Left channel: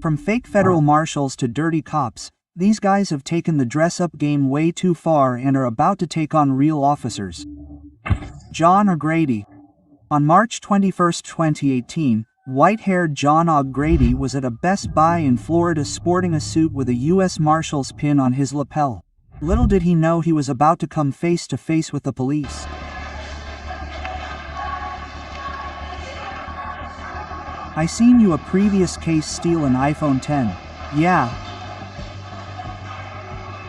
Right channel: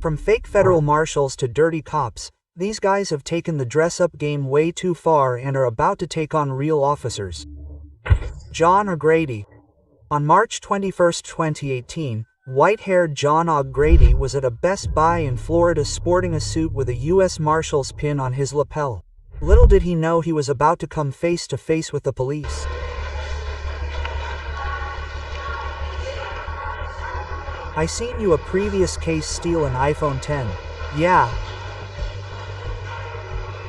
From fake federal marshals to dirty cops, these guys have taken the dress-up game way too far and are about to take on real officers. John O'Grady. On March 21, 2018, white-haired John O'Grady was at a Best Buy in Florida sporting a suit with a U.S. Marshal's pin on his lapel. Little did he know he was about to come face to face with the police. I seen you a previous case steal an iPhone 10. Yeah.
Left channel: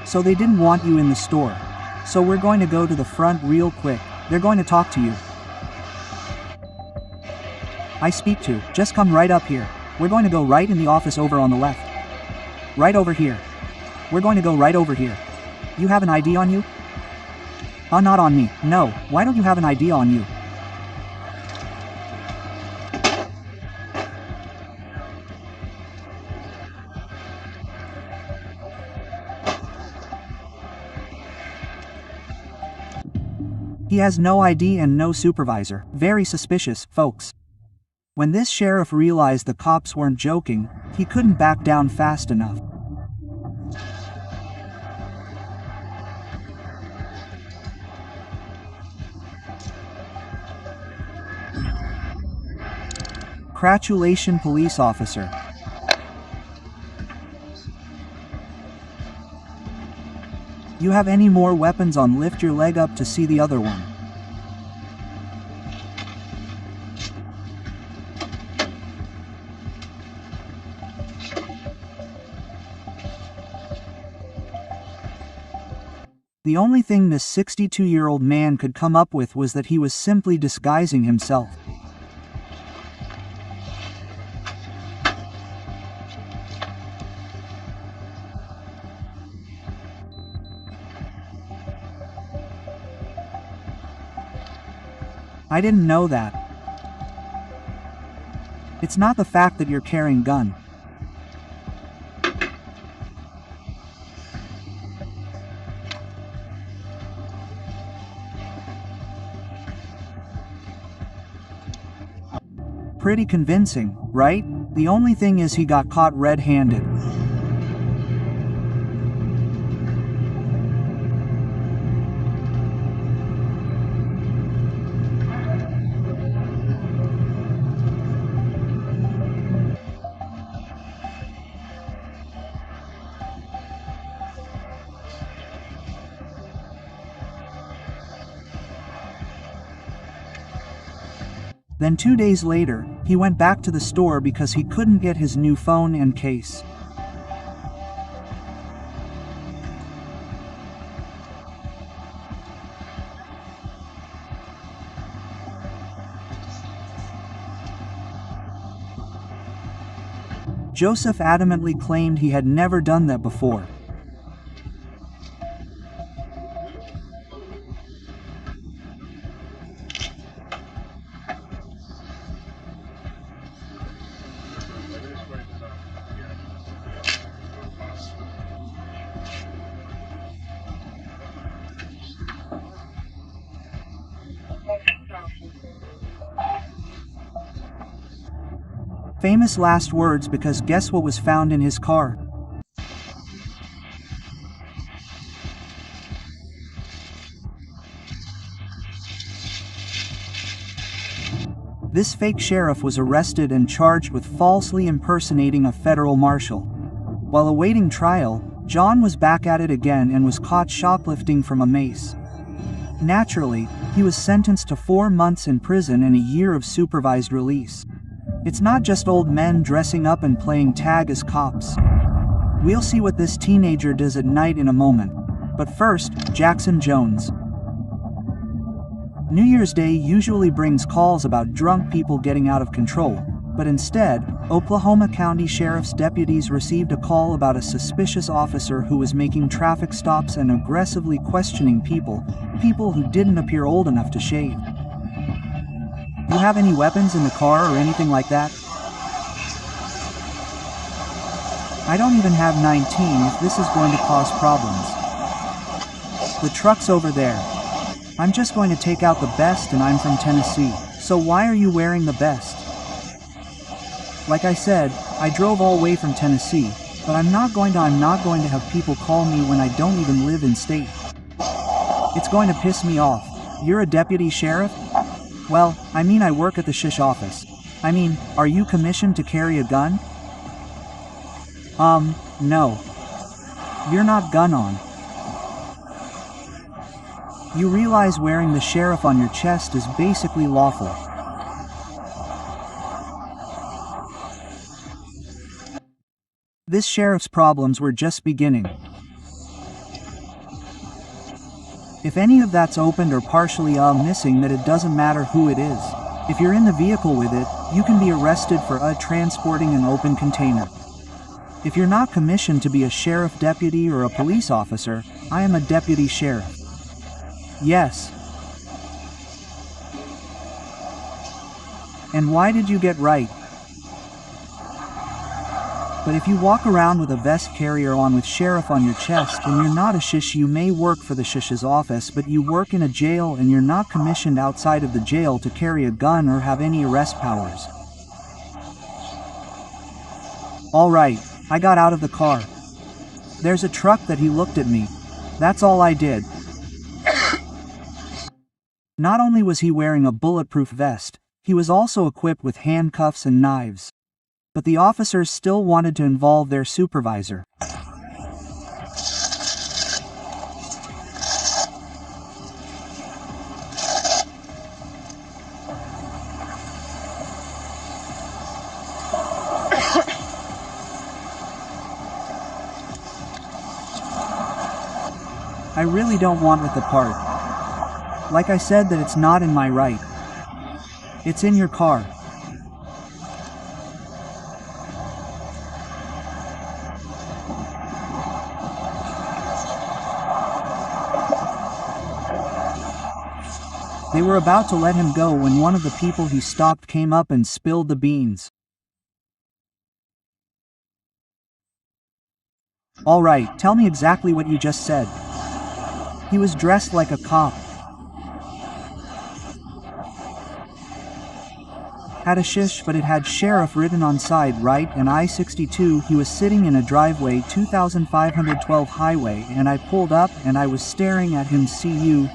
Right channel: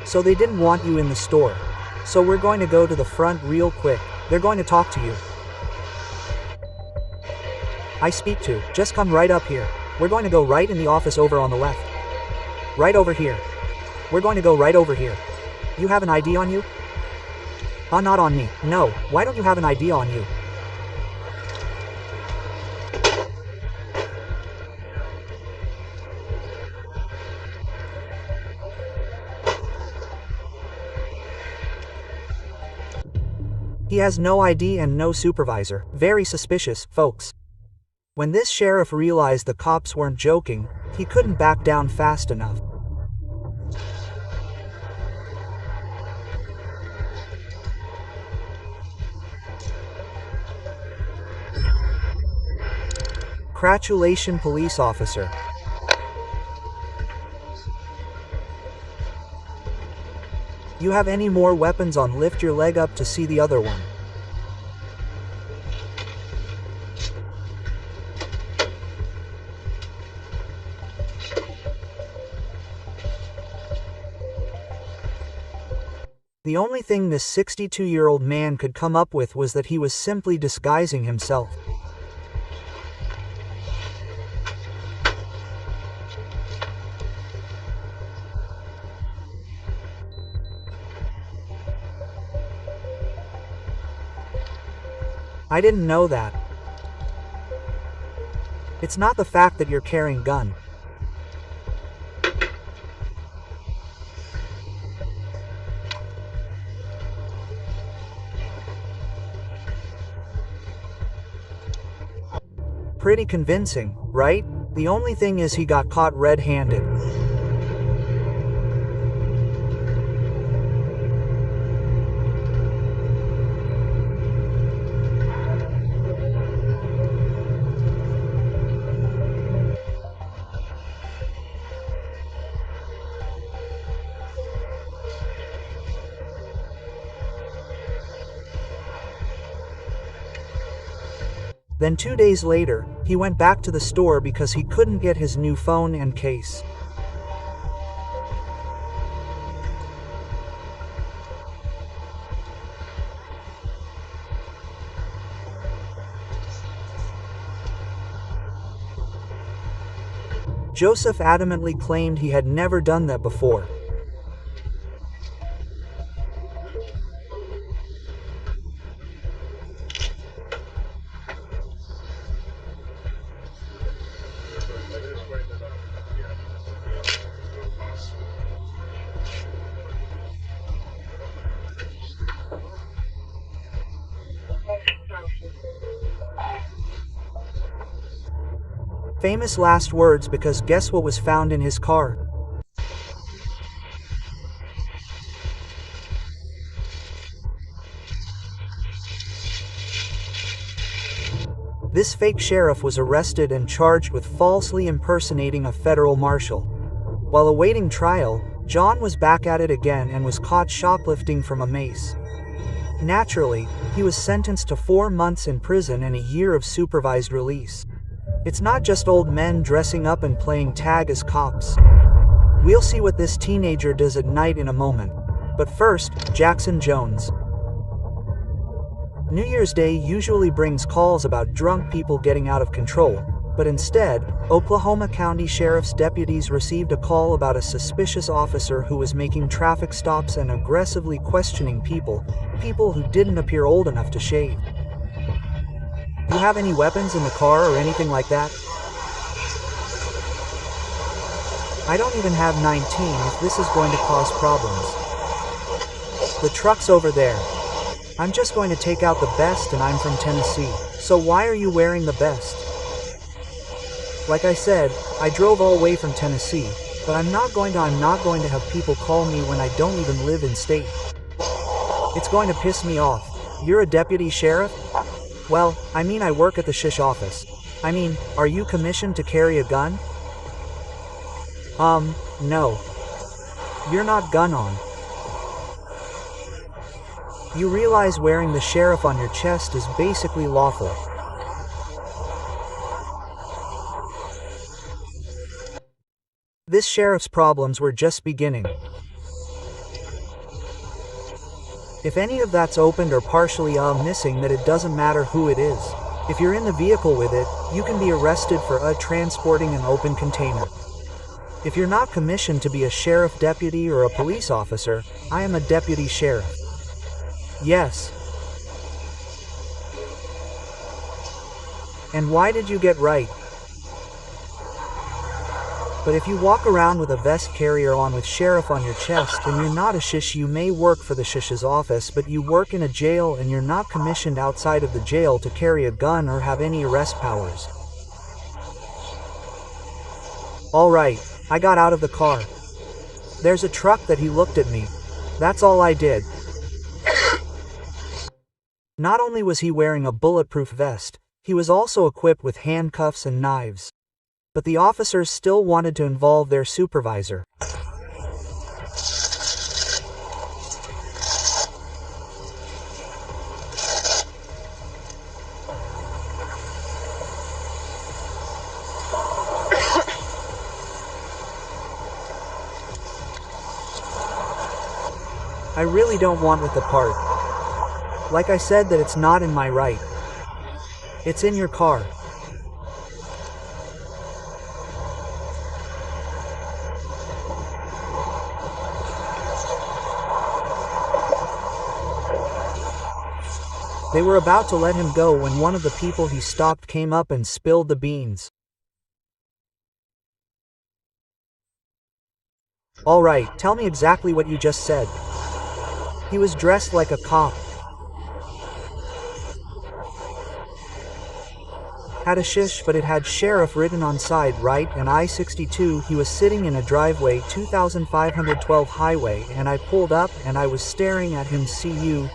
So they didn't want you in the store. So we're going to go to the front real quick. They're going to talk to you. I speak to, just come right up here. We're going to go right in the office over on the left. Right over here. We're going to go right over here. You have an ID on you? Not on me. No, why don't you have an ID on you? He has no ID and no supervisor. Very suspicious, folks. When this sheriff realized the cops weren't joking, he couldn't back down fast enough. Congratulations, police officer. You have any more weapons on? Lift your leg up to see the other one. The only thing this 62-year-old man could come up with was that he was simply disguising himself. I didn't know that. It's not the fact that you're carrying a gun. Pretty convincing, right? The only thing is he got caught red-handed. Then 2 days later, he went back to the store because he couldn't get his new phone and case. Joseph adamantly claimed he had never done that before. Famous last words, because guess what was found in his car? This fake sheriff was arrested and charged with falsely impersonating a federal marshal. While awaiting trial, John was back at it again and was caught shoplifting from a mace. Naturally, he was sentenced to 4 months in prison and a year of supervised release. It's not just old men dressing up and playing tag as cops. We'll see what this teenager does at night in a moment. But first, Jackson Jones. New Year's Day usually brings calls about drunk people getting out of control, but instead, Oklahoma County Sheriff's deputies received a call about a suspicious officer who was making traffic stops and aggressively questioning people who didn't appear old enough to shave. You have any weapons in the car or anything like that? I don't even have 19 if this is going to cause problems. The truck's over there. I'm just going to take out the best and I'm from Tennessee. So why are you wearing the best? Like I said, I drove all the way from Tennessee, but I'm not going to have people call me when I don't even live in state. It's going to piss me off. You're a deputy sheriff? Well, I mean I work at the shish office. I mean, are you commissioned to carry a gun? No. You're not gun on. You realize wearing the sheriff on your chest is basically lawful. This sheriff's problems were just beginning. If any of that's opened or partially missing, that it doesn't matter who it is. If you're in the vehicle with it, you can be arrested for transporting an open container. If you're not commissioned to be a sheriff deputy or a police officer, I am a deputy sheriff. Yes. And why did you get right? But if you walk around with a vest carrier on with sheriff on your chest and you're not a shish, you may work for the shish's office, but you work in a jail and you're not commissioned outside of the jail to carry a gun or have any arrest powers. Alright, I got out of the car. There's a truck that he looked at me. That's all I did. Not only was he wearing a bulletproof vest, he was also equipped with handcuffs and knives. But the officers still wanted to involve their supervisor. I really don't want with the part. Like I said, that it's not in my right. It's in your car. They were about to let him go when one of the people he stopped came up and spilled the beans. All right, tell me exactly what you just said. He was dressed like a cop. Had a shish, but it had sheriff written on side right, and I-62. He was sitting in a driveway, 2512 highway, and I pulled up and I was staring at him.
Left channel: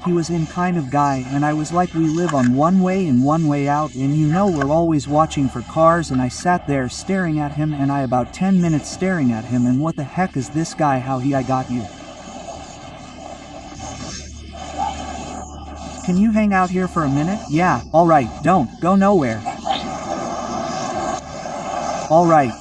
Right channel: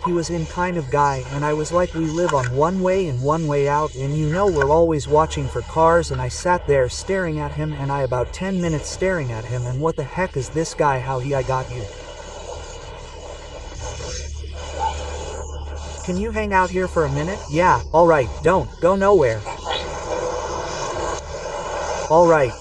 He was in kind of guy, and I was like, we live on one way and one way out, and you know we're always watching for cars. And I sat there staring at him, and I about 10 minutes staring at him, and what the heck is this guy? I got you. Can you hang out here for a minute? Yeah, alright, don't go nowhere. Alright.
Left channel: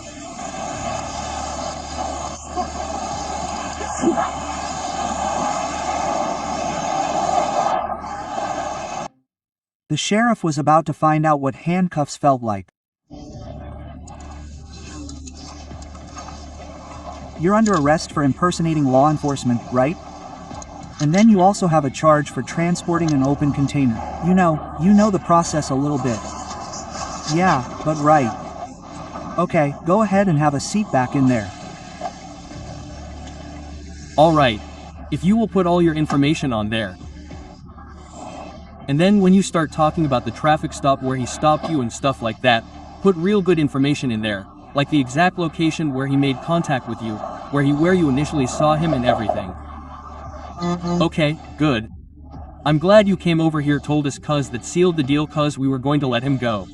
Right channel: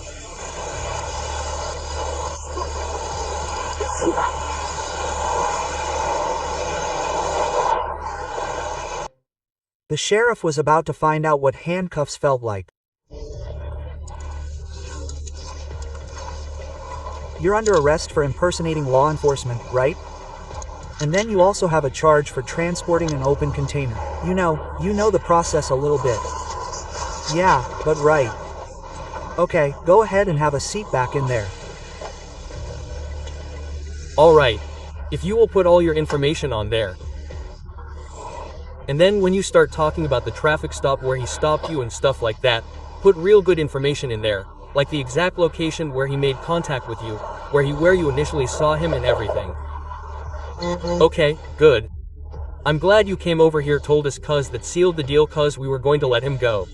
The sheriff was about to find out what handcuffs felt like. You're under arrest for impersonating law enforcement, right? And then you also have a charge for transporting an open container. You know the process a little bit. Yeah, but right. Okay, go ahead and have a seat back in there. Alright. If you will put all your information on there. And then when you start talking about the traffic stop where he stopped you and stuff like that, put real good information in there, like the exact location where he made contact with you, where you initially saw him and everything. Okay, good. I'm glad you came over here, told us, cuz that sealed the deal, cuz we were going to let him go.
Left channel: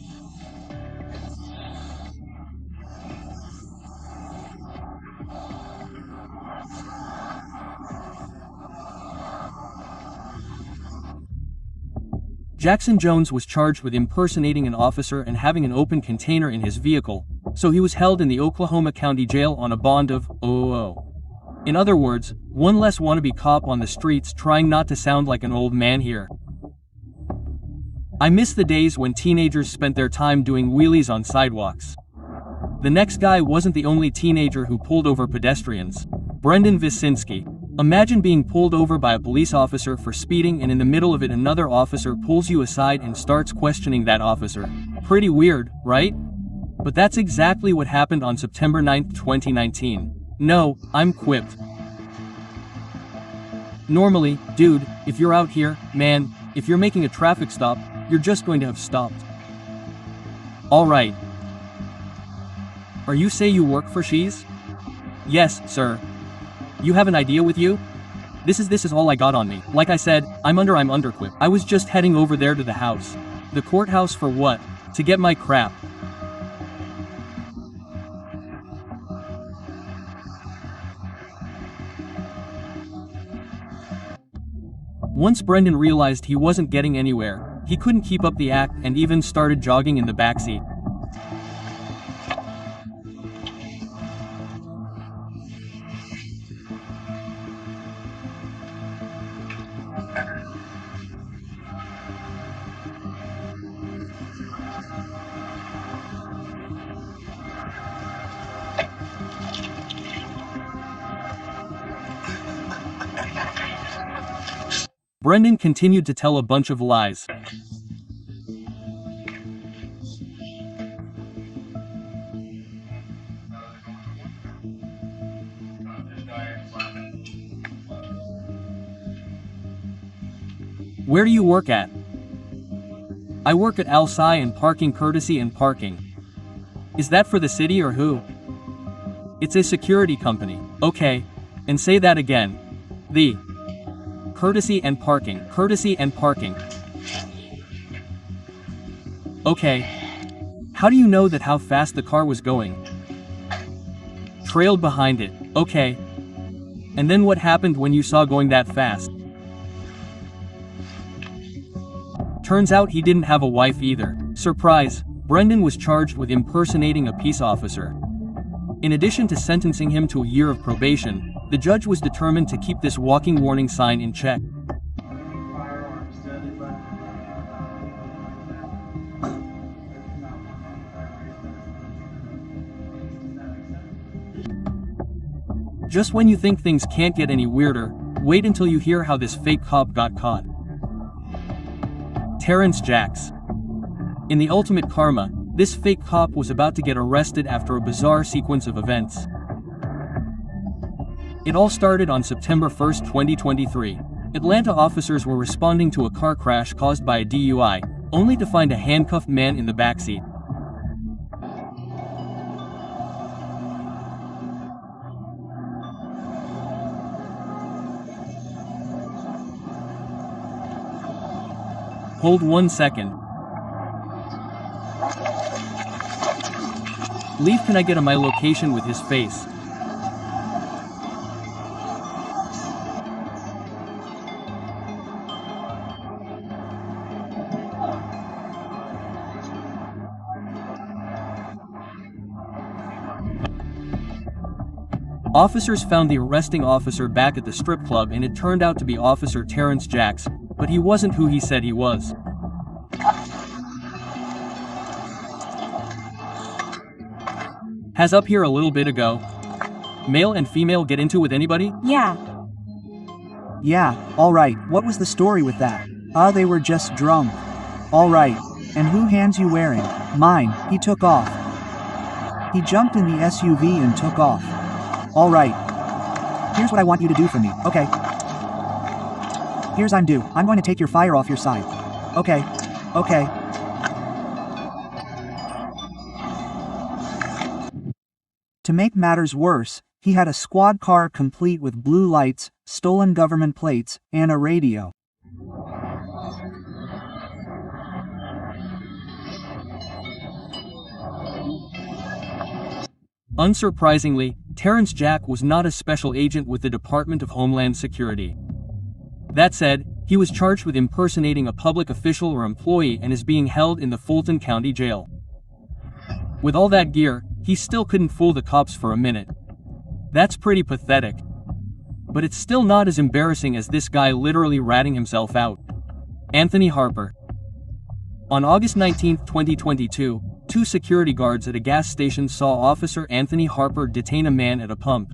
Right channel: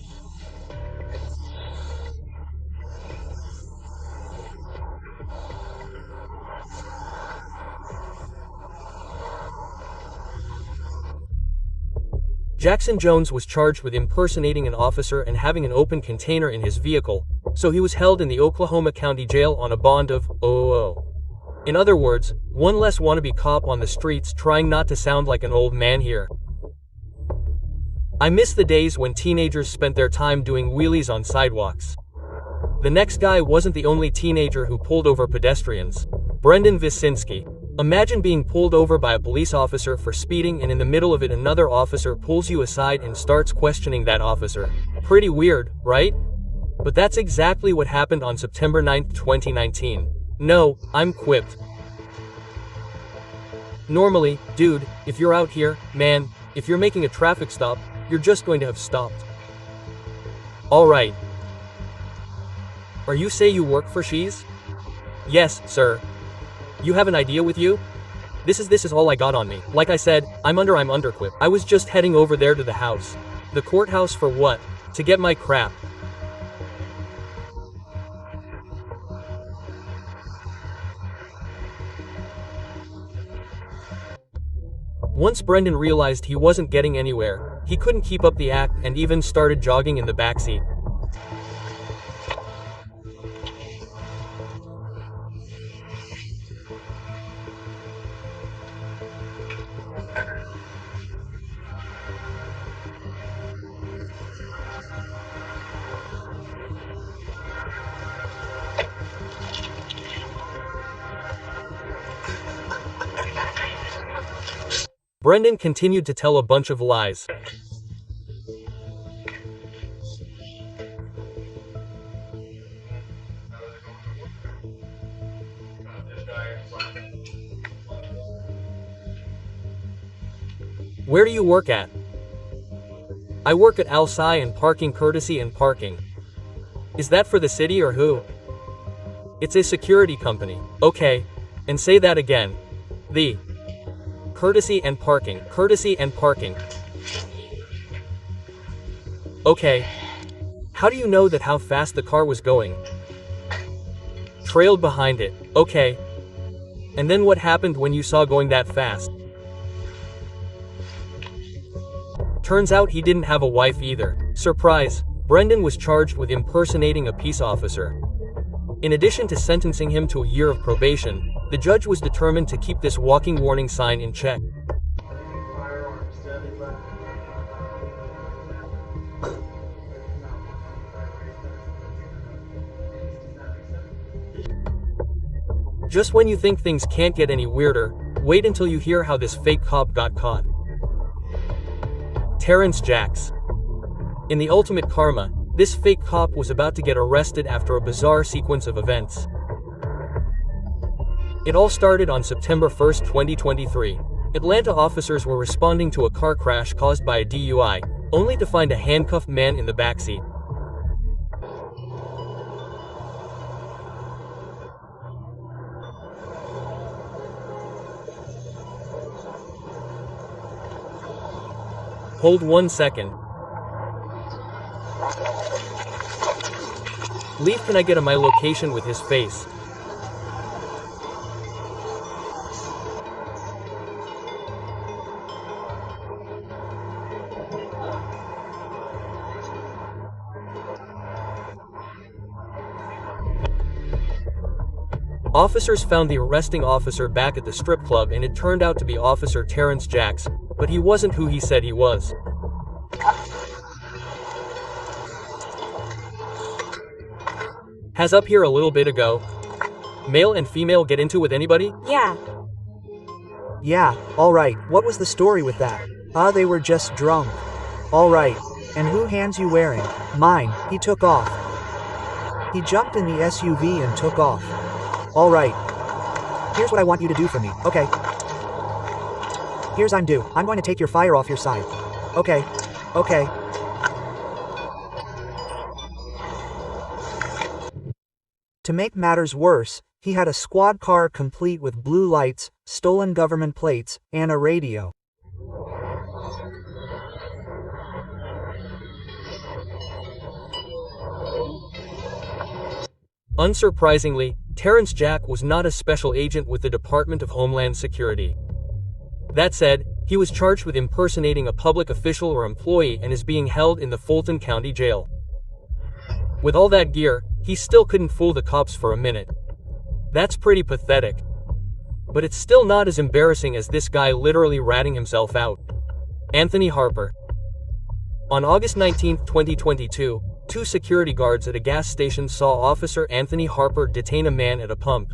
Jackson Jones was charged with impersonating an officer and having an open container in his vehicle, so he was held in the Oklahoma County Jail on a bond of $0. In other words, one less wannabe cop on the streets, trying not to sound like an old man here. I miss the days when teenagers spent their time doing wheelies on sidewalks. The next guy wasn't the only teenager who pulled over pedestrians. Brendan Visinski. Imagine being pulled over by a police officer for speeding, and in the middle of it another officer pulls you aside and starts questioning that officer. Pretty weird, right? But that's exactly what happened on September 9, 2019. No, I'm quipped. Normally, dude, if you're out here, man, if you're making a traffic stop, you're just going to have stopped. Alright. Are you say you work for She's? Yes, sir. You have an idea with you? This is all I got on me. Like I said, I'm underequipped. I was just heading over there to the house. The courthouse for what? To get my crap. Once Brendan realized he wasn't getting anywhere, he couldn't keep up the act and even started jogging in the backseat. Brendan continued to tell a bunch of lies. Where do you work at? I work at Alsai and Parking Courtesy and Parking. Is that for the city or who? It's a security company. Okay. And say that again. The Courtesy and Parking. Courtesy and Parking. Okay. How do you know that how fast the car was going? Trailed behind it. Okay. And then what happened when you saw going that fast? Turns out he didn't have a wife either. Surprise. Brendan was charged with impersonating a peace officer. In addition to sentencing him to a year of probation, the judge was determined to keep this walking warning sign in check. Just when you think things can't get any weirder, wait until you hear how this fake cop got caught. Terrence Jacks. In the ultimate karma, this fake cop was about to get arrested after a bizarre sequence of events. It all started on September 1, 2023. Atlanta officers were responding to a car crash caused by a DUI, only to find a handcuffed man in the backseat. Hold 1 second. Leave, can I get my location with his face? Officers found the arresting officer back at the strip club, and it turned out to be Officer Terrence Jacks, but he wasn't who he said he was. Has up here a little bit ago. Male and female get into with anybody? Yeah. Yeah, alright, what was the story with that? They were just drunk. Alright, and who hands you wearing? Mine, he took off. He jumped in the SUV and took off. Alright. Here's what I want you to do for me, okay? Here's I'm due. I'm going to take your fire off your side. Okay. Okay. To make matters worse, he had a squad car complete with blue lights, stolen government plates, and a radio. Unsurprisingly, Terrence Jack was not a special agent with the Department of Homeland Security. That said, he was charged with impersonating a public official or employee and is being held in the Fulton County Jail. With all that gear, he still couldn't fool the cops for a minute. That's pretty pathetic. But it's still not as embarrassing as this guy literally ratting himself out. Anthony Harper. On August 19, 2022, two security guards at a gas station saw Officer Anthony Harper detain a man at a pump.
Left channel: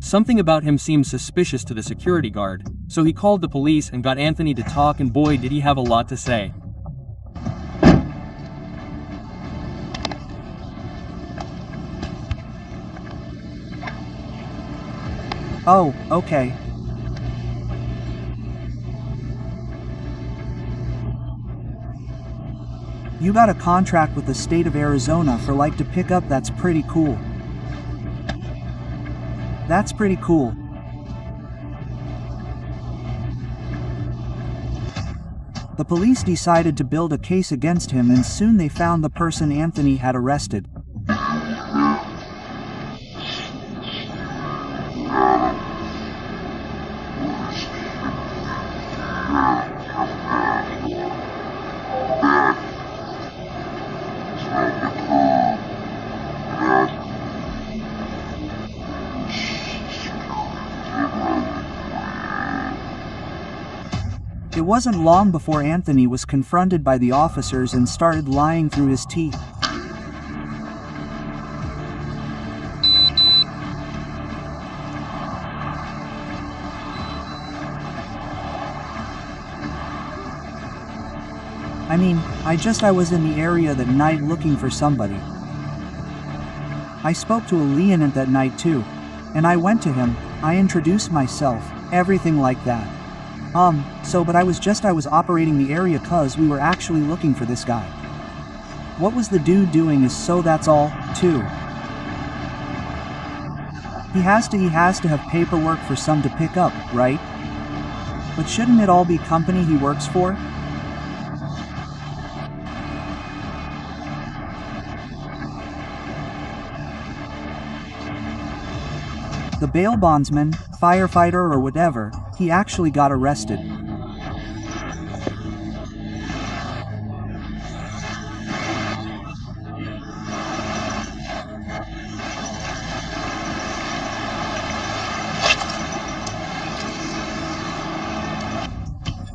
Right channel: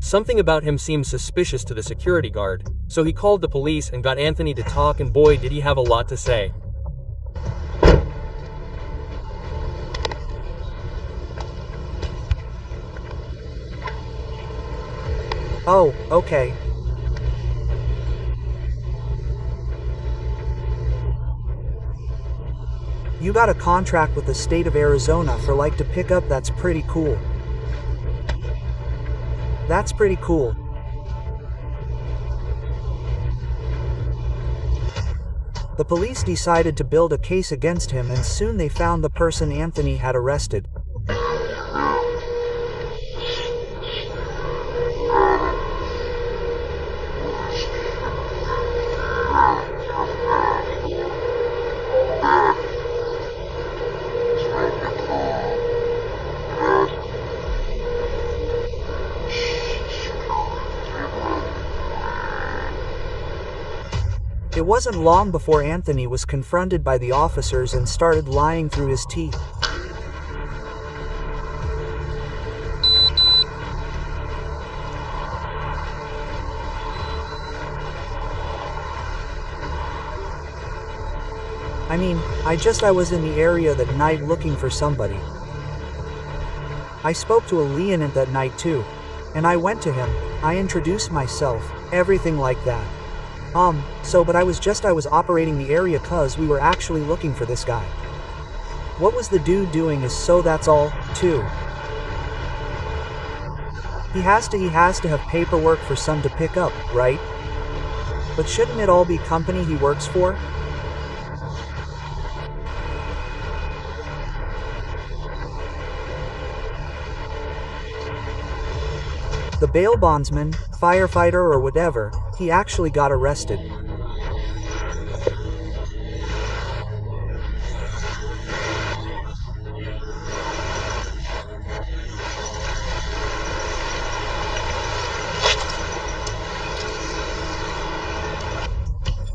Something about him seemed suspicious to the security guard, so he called the police and got Anthony to talk, and boy did he have a lot to say. Oh, okay. You got a contract with the state of Arizona for like to pick up. That's pretty cool. That's pretty cool. The police decided to build a case against him, and soon they found the person Anthony had arrested. It wasn't long before Anthony was confronted by the officers and started lying through his teeth. I was in the area that night looking for somebody. I spoke to a lieutenant that night too. And I went to him, I introduced myself, everything like that. But I was operating the area cause we were actually looking for this guy. What was the dude doing that's all, too. He has to have paperwork for some to pick up, right? But shouldn't it all be company he works for? The bail bondsman, firefighter or whatever, he actually got arrested.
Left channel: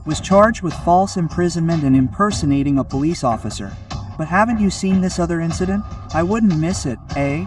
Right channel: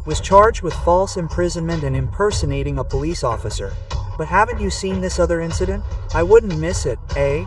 Was charged with false imprisonment and impersonating a police officer. But haven't you seen this other incident? I wouldn't miss it, eh?